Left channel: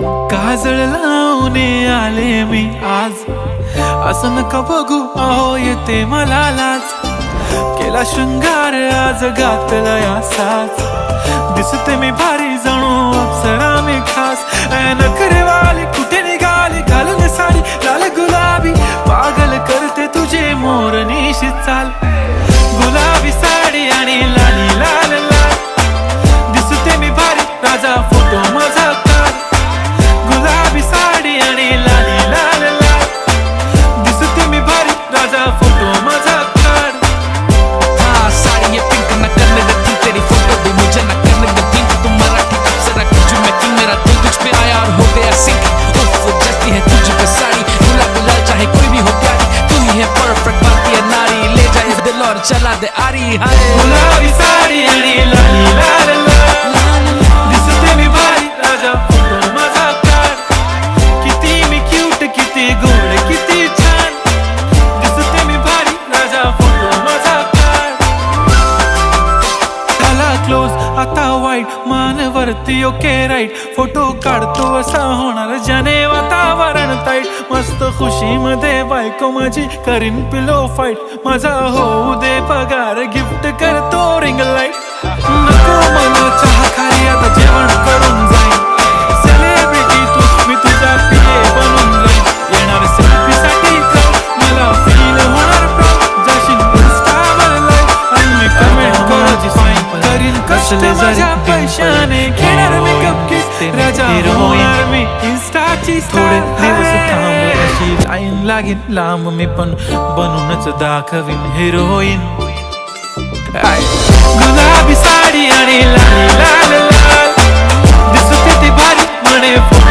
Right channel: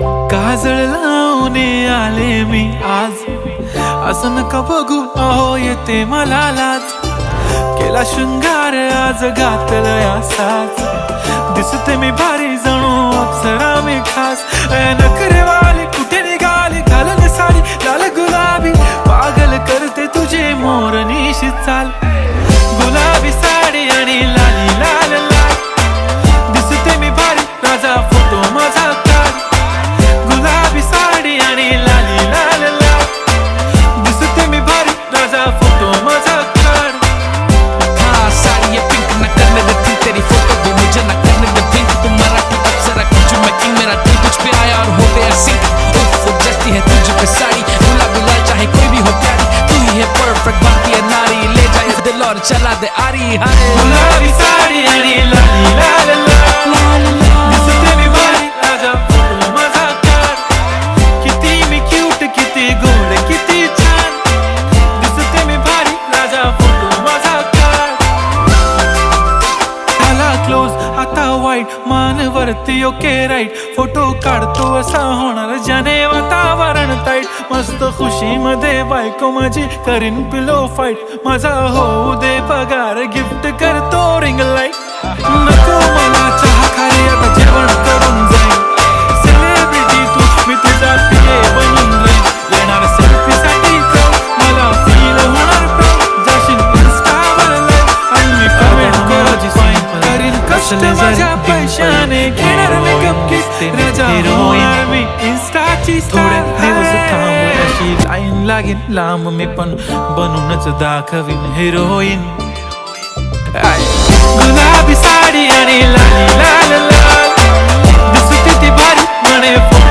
काजळ लावून आले मी आज, असं नका बघू अहो येते मला लाज. केला शृंगार आज घातला असाच, दिसते मी भारी जणू अप्सरा मी खास. नखरेवाली कुठे निघाली घालून साडी लाल गुलाबी, पागल करते तुझे मोरनीशी चाल. गुलाबी साडी आणि लाली लाल लाल, दिसते मी भारी राजा फोटो माझा काढ. गुलाबी साडी आणि लाली लाल लाल, दिसते मी भारी राजा फोटो माझा काढ. हाँ साड़ी ये पिंक ना करने दे थिंक, तेरी फोटो भी मुझे ना करने दे पिंक. तुम मराठी अप्सरा कुछ मैं किंग, मेरा दिल तुझ पे आया और हो गया सिंक. उफ जचती है तुझ पे साड़ी, गुलाबी लाल चाहे कोई भी हो प्यारी. तू ही है परफेक्ट भारतीय नारी, ले जाए दिल और चला दे आरी. हाय गुलाबी साडी आणि लाली लाल लाल, दिसते मी भारी राजा फोटो माझा काढ. किती मी क्यूट किती गोड किती छान, दिसते मी भारी राजा फोटो माझा काढ. झाला क्लोज आता वाईट मान वरती ओके राईट, फोटो काढतो असा होणार ज्याने वातावरण ताईट. मस्त खुशी मध्ये बायको माझी करीन पिलो फाईट, माझा होऊ दे पगार गिफ्ट करतो रिंग लाईट. नको मला चहा खारी आता जेवण करून जाईन, सेलिब्रिटी तू मी तुझा पिये बनून राहीन. येणार सेल्फी साठी क्राऊड मला फील होणार प्राऊड, जाशील इन्स्टावर लाईव्ह आणि मी कमेंट करायची फाईन करीन कष्ट माझ्या पैशाने. घेणार मेकअप किट राजा होणार मी इन्स्टाची थोडे दिवस थांब अशी लाईन लागेल लांब, मी पण बनूनच दाखवीन हिरोईन. गुलाबी साडी आणि लाली लाल लाल, दिसते ती भारी म्हणे फोटो